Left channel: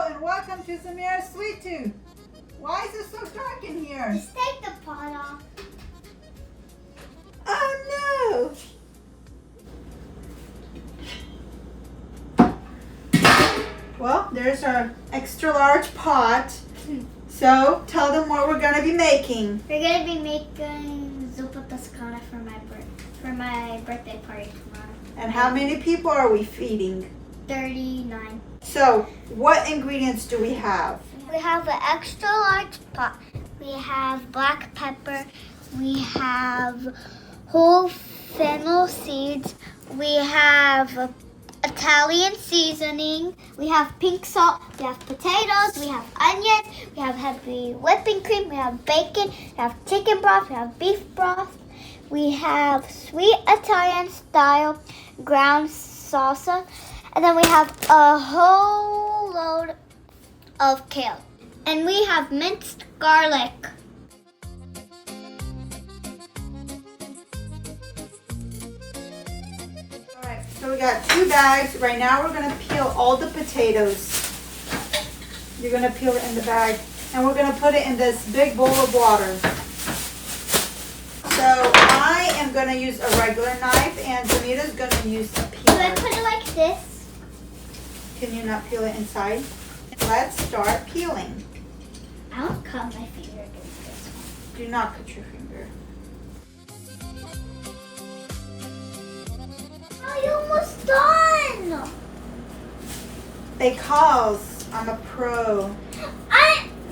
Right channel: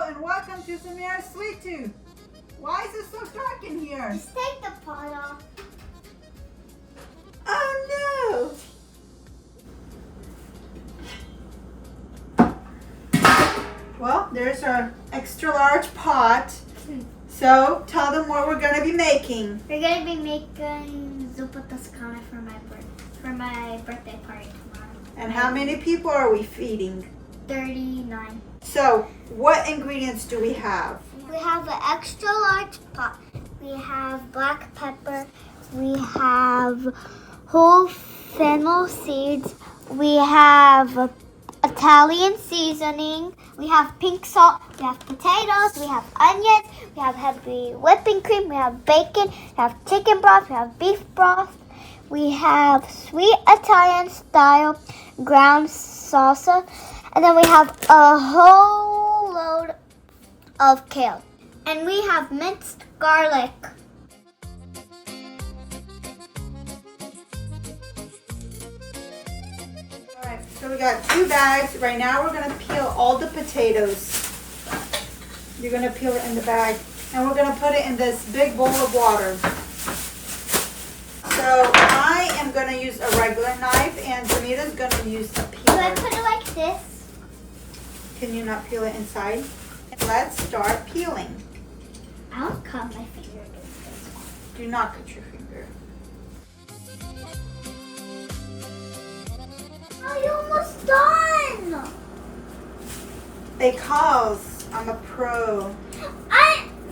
Hello and welcome to Zamiras Sweet Tooth. Why is it so dark in here? Just take the pot off. Oh no! Well, there's our extra large pot. So tell them what we're gonna be making. We're gonna be making Zuppa Tuscana for my birthday party tomorrow. And how many people are we feeding? 39. So what ingredients do we have? We have an extra large pot. We have black pepper. We have whole fennel seeds. We have Italian seasoning. We have pink salt. We have potatoes. We have onions. We have heavy whipping cream. We have bacon. We have chicken broth. We have beef broth. We have sweet Italian style ground salsa. And then we have a whole load of kale. And we have minced garlic. Alright, so we got 2 bags. Right now we're gonna peel all the potatoes. You're gonna peel it in the bag. And we're gonna put it in this big bowl of water. So I am gonna use a regular knife and Zanita's gonna use a peeler. Do I put it like this? Can you not peel it inside? Let's start peeling. I don't cut my finger against this one. Do not cut your finger. Oh, you're almost done. Because I'm a pro.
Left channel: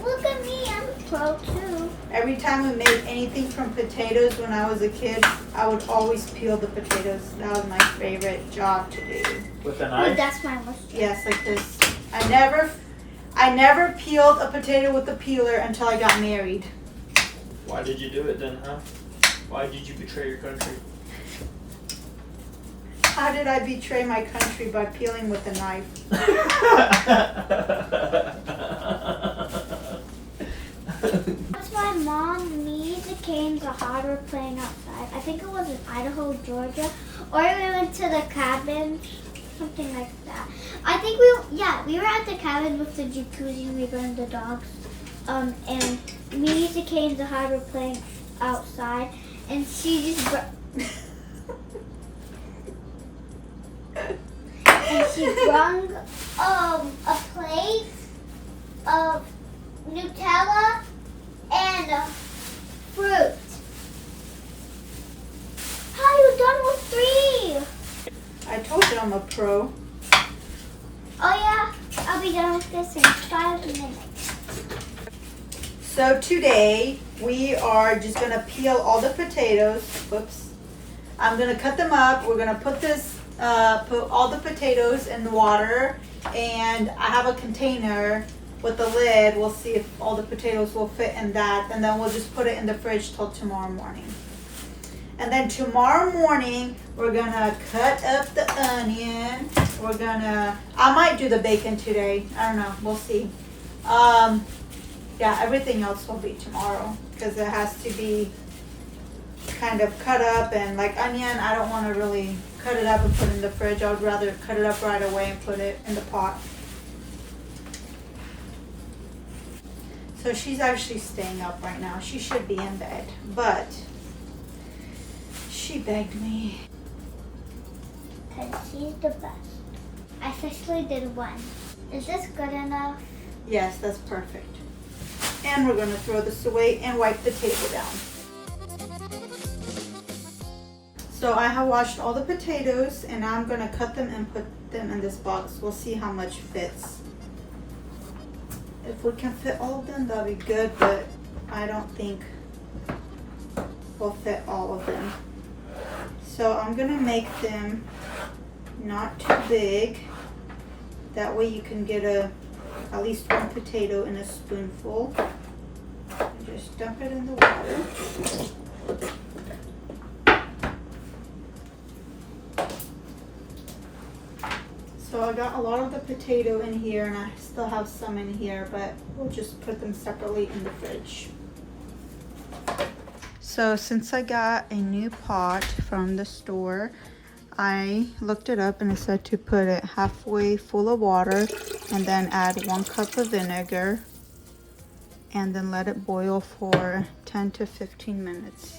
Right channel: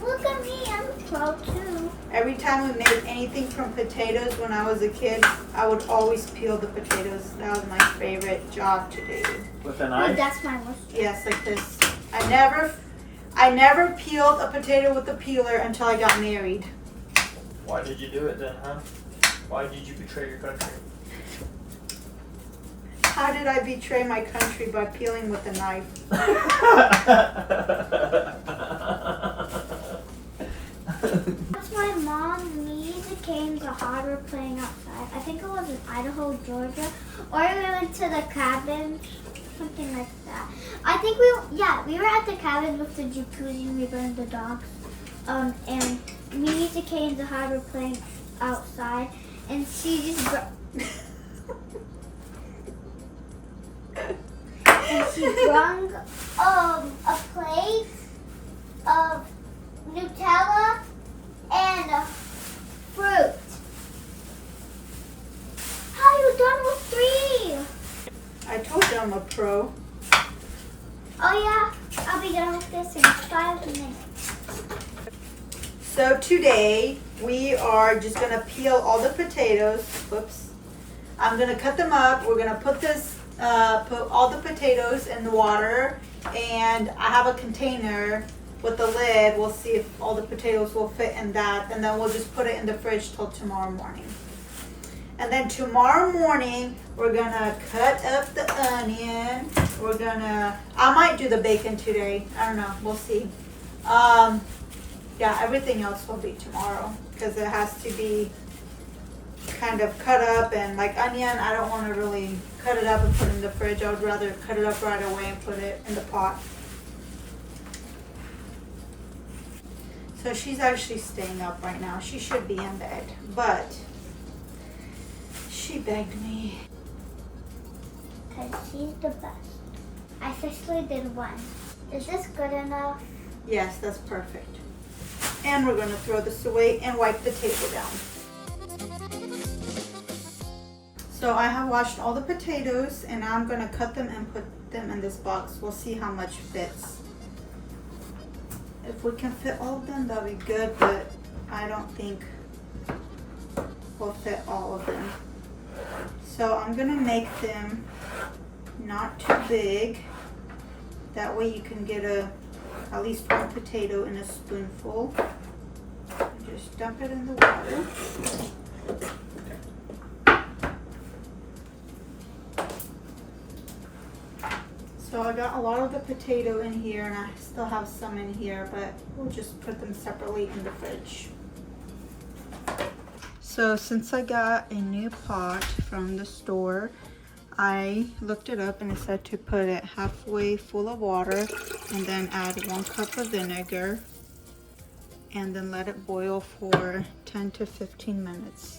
Look at me, I'm a pro too. Every time we made anything from potatoes when I was a kid, I would always peel the potatoes. That was my favorite job to do. With a Oh, knife? that's my wish. Yes, like this. I never peeled a potato with a peeler until I got married. Why did you do it then, huh? Why did you betray your country? How did I betray my country? By peeling with a knife. That's my mom. Me, the Canes, the Hard were playing outside. I think it was in Idaho, Georgia. Or we went to the cabin. Something like that. I think we were at the cabin with the jacuzzi. We burned the dogs. And me, the Canes, the Hard were playing outside. And she just brung a plate of Nutella and fruit. How are you done with 3? I told you I'm a pro. Oh yeah, I'll be done with this in 5 minutes. So today we are just gonna peel all the potatoes. Whoops. I'm gonna cut them up. We're gonna put all the potatoes in the water, and I have a container with the lid. We'll see if all the potatoes will fit in that, and then we'll just put it in the fridge till tomorrow morning. And then tomorrow morning we're gonna cut up the onion. I might do the bacon today. I don't know, we'll see. Yeah, everything else will be tomorrow because it has to be kind of cut up, and like onion, I don't want to really cut it up and put it in the fridge. I would rather cut it up right away and put it in the pot. So she's actually staying up right now. She should be in bed, but she begged me. Because she's the best. I officially did 1. Is this good enough? Yes, that's perfect. And we're going to throw this away and wipe the table down. So I have washed all the potatoes, and now I'm going to cut them and put them in this box. We'll see how much fits. If we can fit all of them, that'll be good, but I don't think we'll fit all of them. So I'm going to make them not too big. That way you can get at least 1 potato in a spoonful. And just dump it in the water. So I got a lot of the potato in here, and I still have some in here, but we'll just put them separately in the fridge. So since I got a new pot from the store, I looked it up and it said to put it halfway full of water and then add 1 cup of vinegar and then let it boil for 10 to 15 minutes.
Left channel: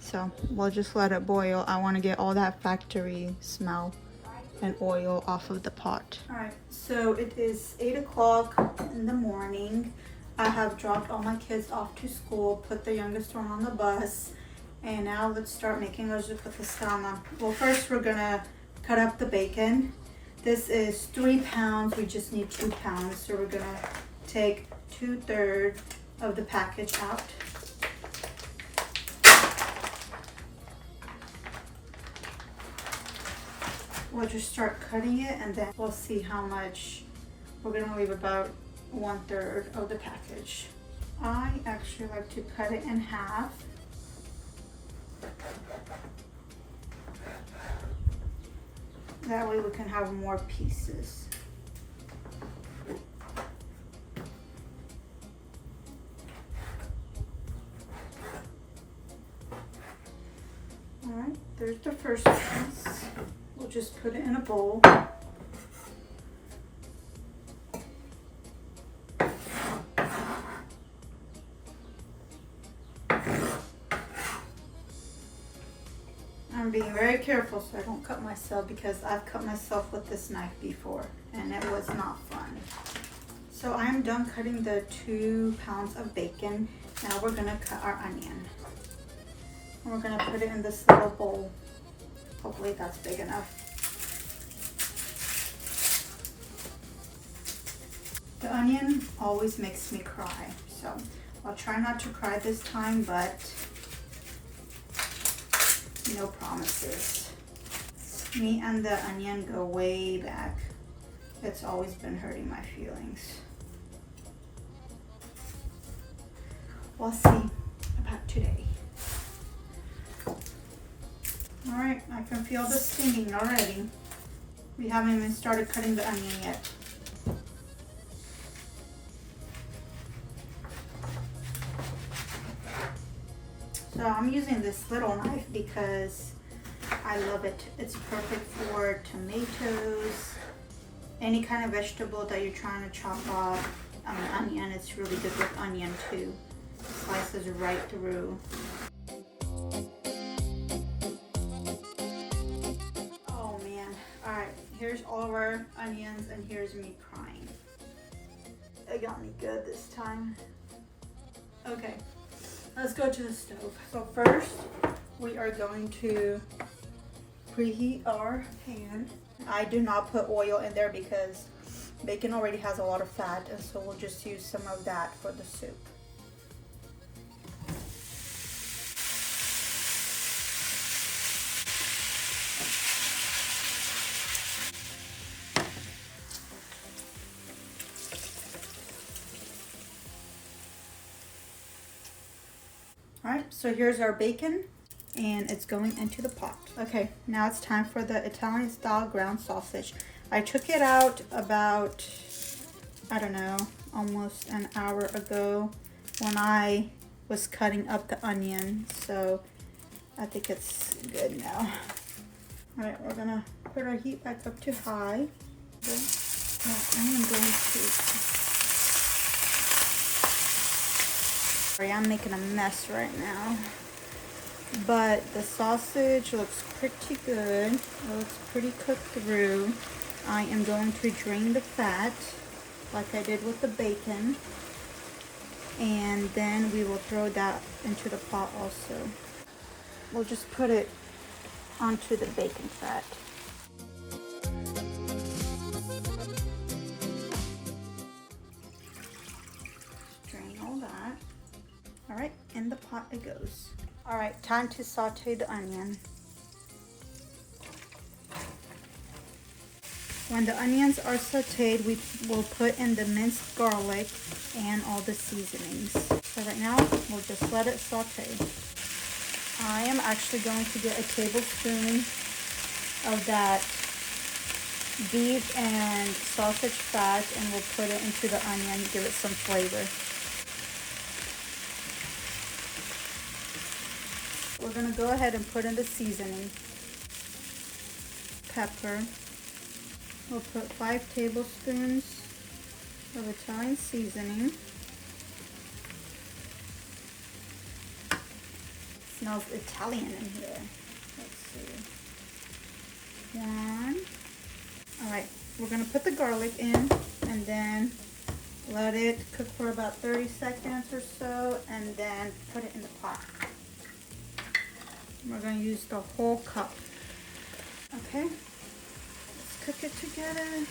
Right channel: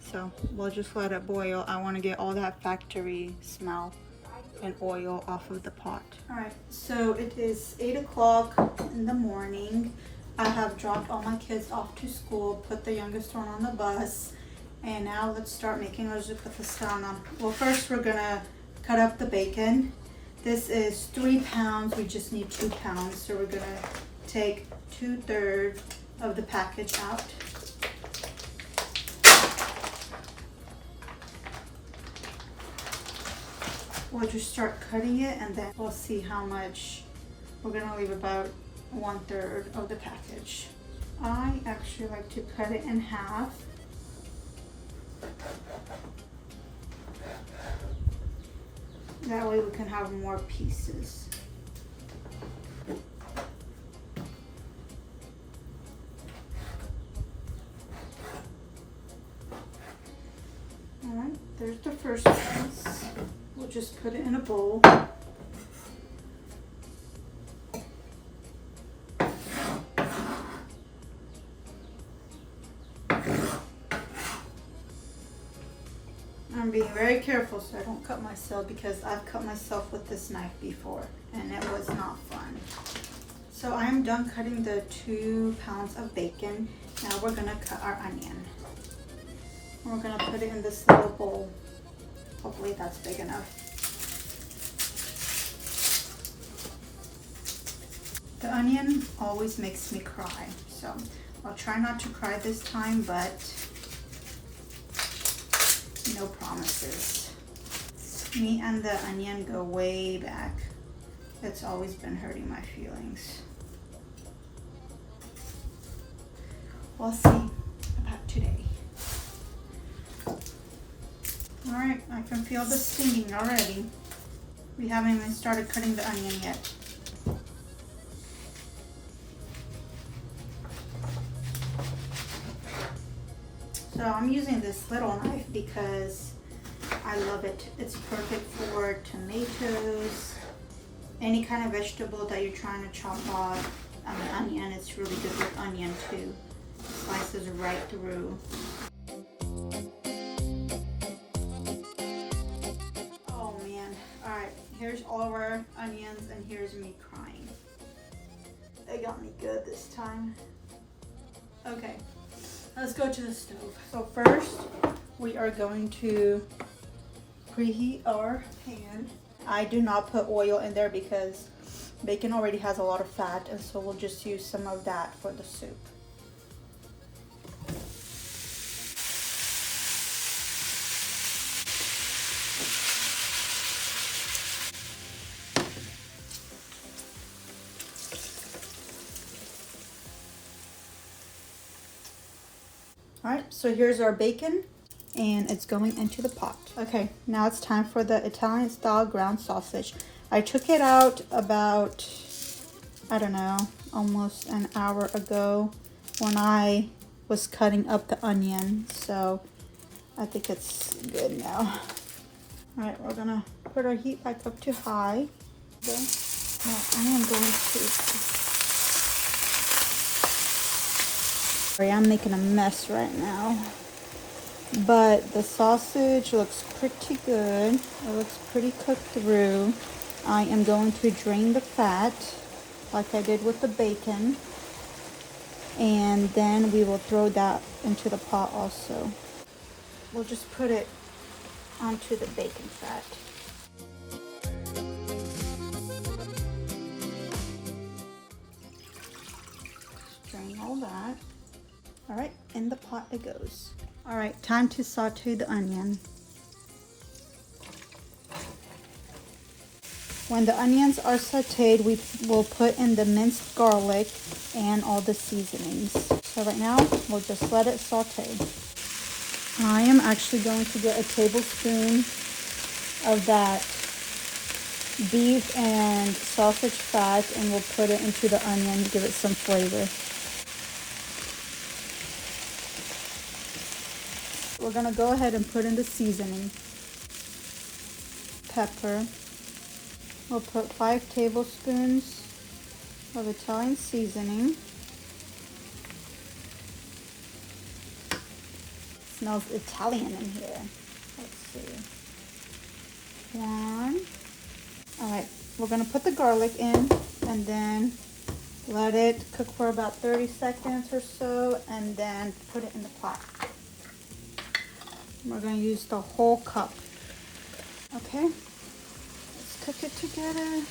So we'll just let it boil. I want to get all that factory smell and oil off of the pot. All right, so it is 8 o'clock in the morning. I have dropped all my kids off to school, put the youngest one on the bus, and now let's start making our Zuppa Tuscana. Well, first we're gonna cut up the bacon. This is 3 pounds, we just need 2 pounds. So we're gonna take 2/3 of the package out. We'll just start cutting it and then we'll see how much. We're gonna leave about 1/3 of the package. I actually like to cut it in half. That way we can have more pieces. All right, there's the first piece. We'll just put it in a bowl. I'm being very careful so I don't cut myself because I've cut myself with this knife before and it was not fun. So I am done cutting the 2 pounds of bacon. Now we're gonna cut our onion. And we're gonna put it in this little bowl. Hopefully that's big enough. The onion always makes me cry, so I'll try not to cry this time, but no promises. Me and the onion go way back. It's always been hurting my feelings. We'll see about today. All right, I can feel the stinging already. We haven't even started cutting the onion yet. So I'm using this little knife because I love it. It's perfect for tomatoes, any kind of vegetable that you're trying to chop off. I mean, onion, it's really good with onion too. Slices right through. Oh man. All right, here's all of our onions and here's me crying. It got me good this time. Okay. Let's go to the stove. So first, we are going to preheat our pan. I do not put oil in there because bacon already has a lot of fat, and so we'll just use some of that for the soup. All right, so here's our bacon and it's going into the pot. Okay, now it's time for the Italian style ground sausage. I took it out about, I don't know, almost an hour ago when I was cutting up the onion. So I think it's good now. All right, we're gonna put our heat back up to high. Okay. Now I am going to, sorry, I'm making a mess right now. But the sausage looks pretty good. It looks pretty cooked through. I am going to drain the fat like I did with the bacon. And then we will throw that into the pot also. We'll just put it onto the bacon fat. Drain all that. All right, in the pot it goes. All right, time to saute the onion. When the onions are sauteed, we will put in the minced garlic and all the seasonings. So right now, we'll just let it saute. I am actually going to get a tablespoon of that beef and sausage fat and we'll put it into the onion to give it some flavor. we're gonna go ahead and put in the seasoning. Pepper. We'll put 5 tablespoons of Italian seasoning. Smells Italian in here. Let's see. 1. All right, we're gonna put the garlic in and then let it cook for about 30 seconds or so, and then put it in the pot. We're gonna use the whole cup. Okay, let's cook it together.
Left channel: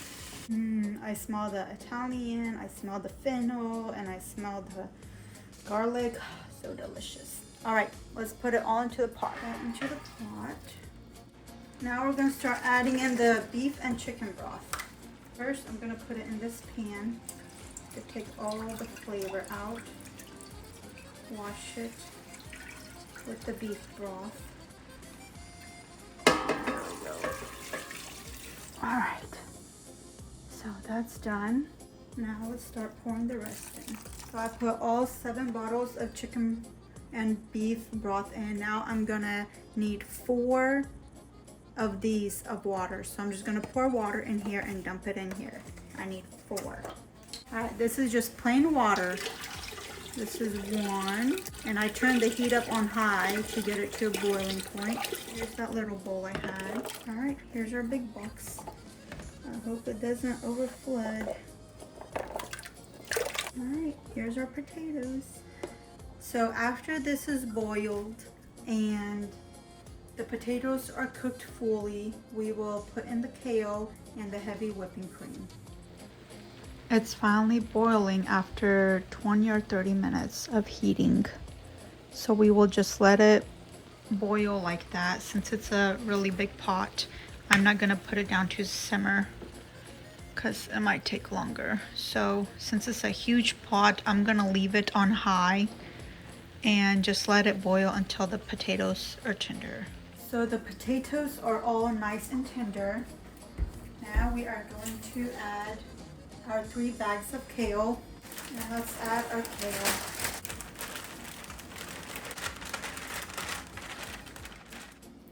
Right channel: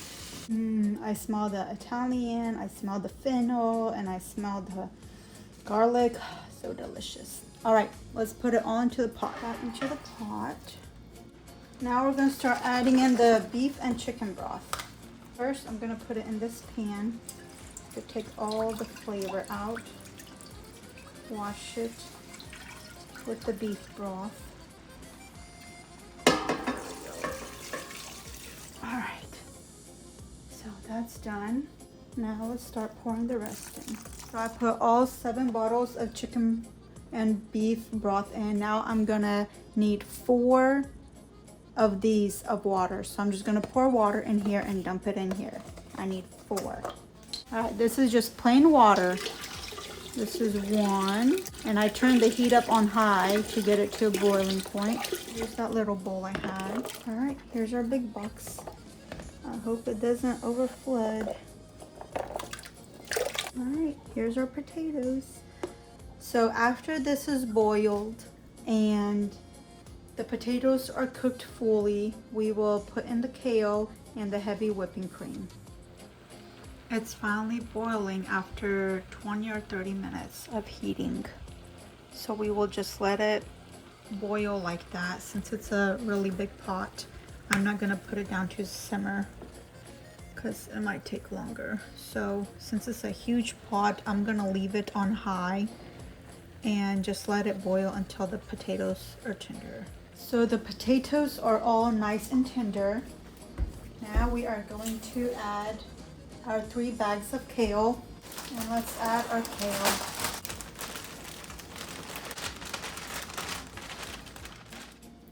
I smell the Italian, I smell the fennel, and I smell the garlic. So delicious. All right, let's put it all into the pot. Into the pot. Now we're gonna start adding in the beef and chicken broth. First, I'm gonna put it in this pan to take all the flavor out. Wash it with the beef broth. All right, so that's done. Now let's start pouring the rest in. So I put all 7 bottles of chicken and beef broth in. Now I'm gonna need 4 of these of water. So I'm just gonna pour water in here and dump it in here. I need 4. All right, this is just plain water. This is 1, and I turned the heat up on high to get it to a boiling point. Here's that little bowl I had. All right, here's our big box. I hope it doesn't overflood. All right, here's our potatoes. So after this is boiled and the potatoes are cooked fully, we will put in the kale and the heavy whipping cream. It's finally boiling after 20 or 30 minutes of heating. So we will just let it boil like that. Since it's a really big pot, I'm not gonna put it down to simmer because it might take longer. So since it's a huge pot, I'm gonna leave it on high and just let it boil until the potatoes are tender. So the potatoes are all nice and tender. Now we are going to add our 3 bags of kale, and let's add our kale.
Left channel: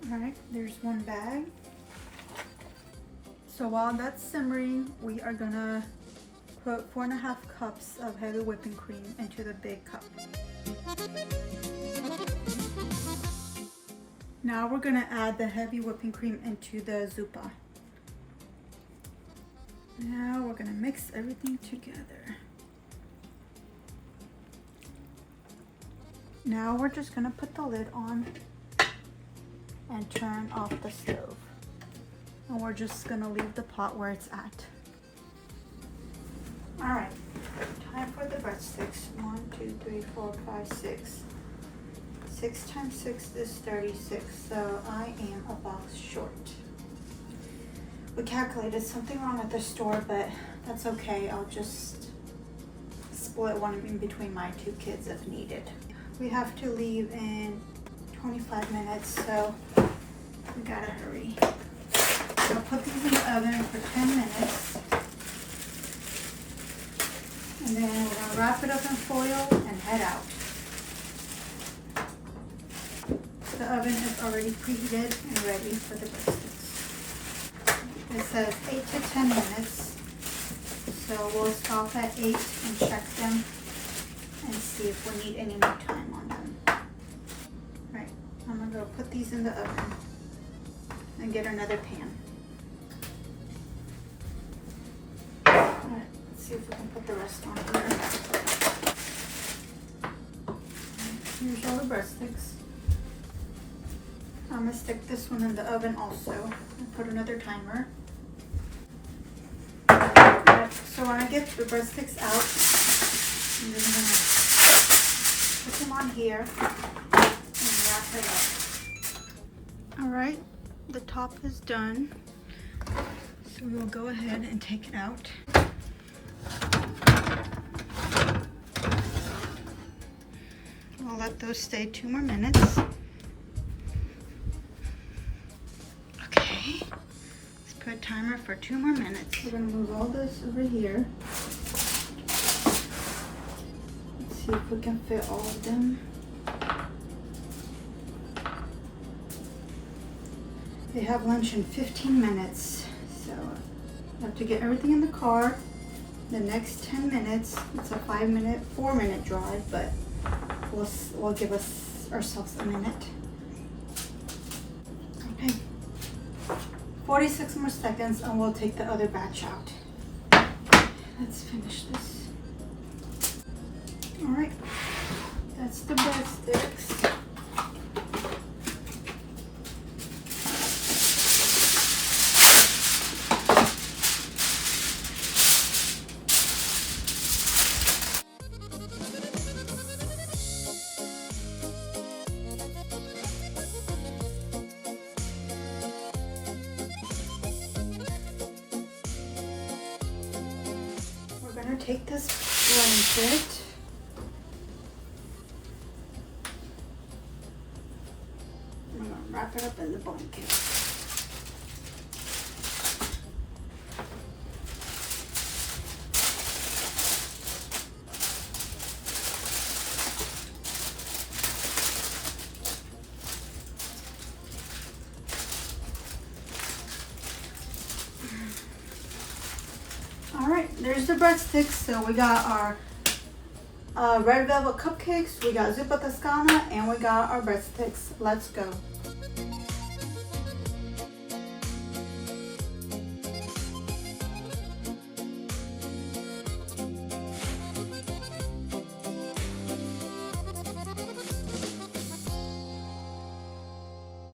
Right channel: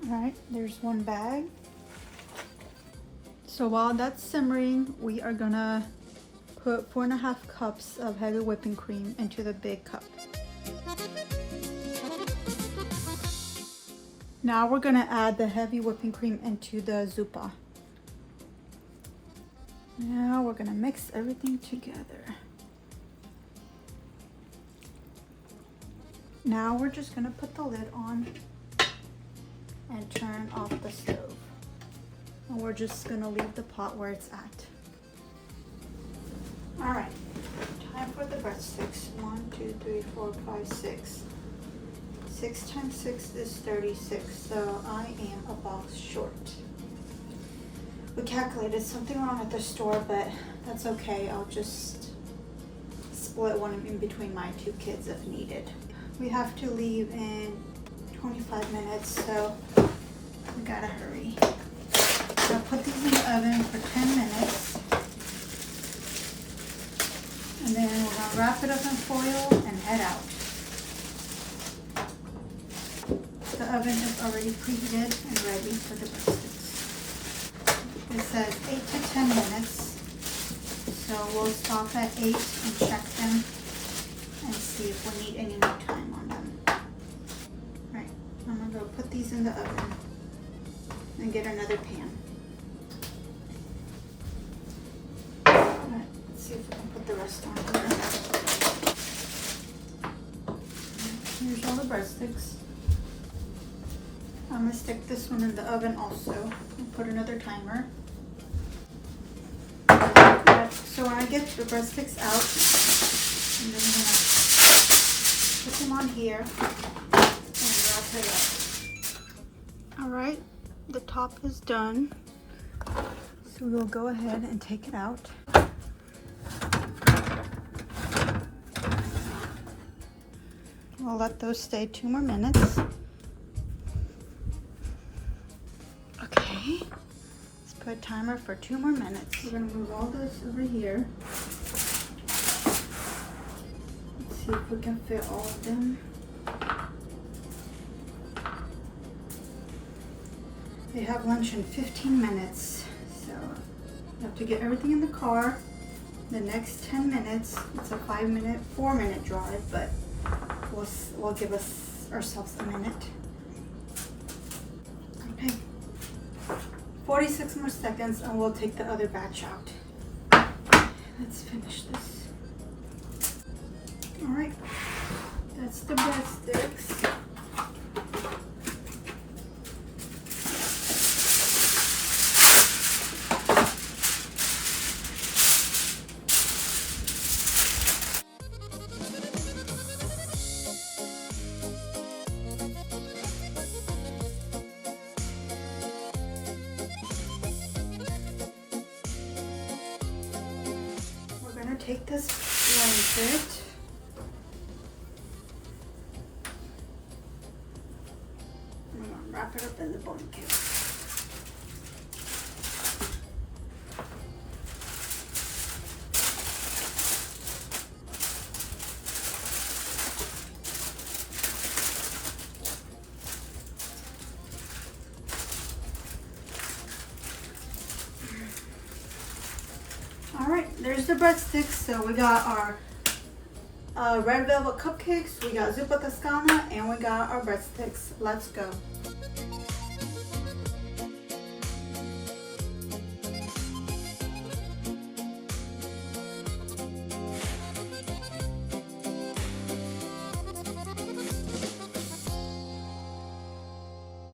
All right, there's 1 bag. So while that's simmering, we are gonna put 4.5 cups of heavy whipping cream into the big cup. Now we're gonna add the heavy whipping cream into the zuppa. Now we're gonna mix everything together. Now we're just gonna put the lid on and turn off the stove. And we're just gonna leave the pot where it's at. All right, time for the breadsticks. 1, 2, 3, 4, 5, 6. 6 times 6 is 36, so I am a box short. We calculated something wrong at the store, but that's okay. I'll just split one in between my 2 kids if needed. We have to leave in 25 minutes, so we gotta hurry. So put these in the oven for 10 minutes. And then we're gonna wrap it up in foil and head out. The oven is already preheated and ready for the breadsticks. It says 8 to 10 minutes, so we'll stop at 8 and check them and see if we need any more time on them. Right, I'm gonna go put these in the oven and get another pan. Alright, let's see if we can put the rest on here. Here's all the breadsticks. I'm gonna stick this one in the oven also and put another timer. So when I get the breadsticks out, I'm just gonna put them on here and wrap it up. All right, the top is done. So we'll go ahead and take it out. We'll let those stay 2 more minutes. Put a timer for 2 more minutes. We're gonna move all this over here. Let's see if we can fit all of them. They have lunch in 15 minutes. So I have to get everything in the car. The next 10 minutes, it's a 4-minute drive, but we'll give ourselves a minute. Okay. 46 more seconds and we'll take the other batch out. Let's finish this. All right, that's the breadsticks. We're gonna take this blanket. We're gonna wrap it up in the blanket. All right, there's the breadsticks. So we got our red velvet cupcakes, we got Zuppa Tuscana, and we got our breadsticks. Let's go.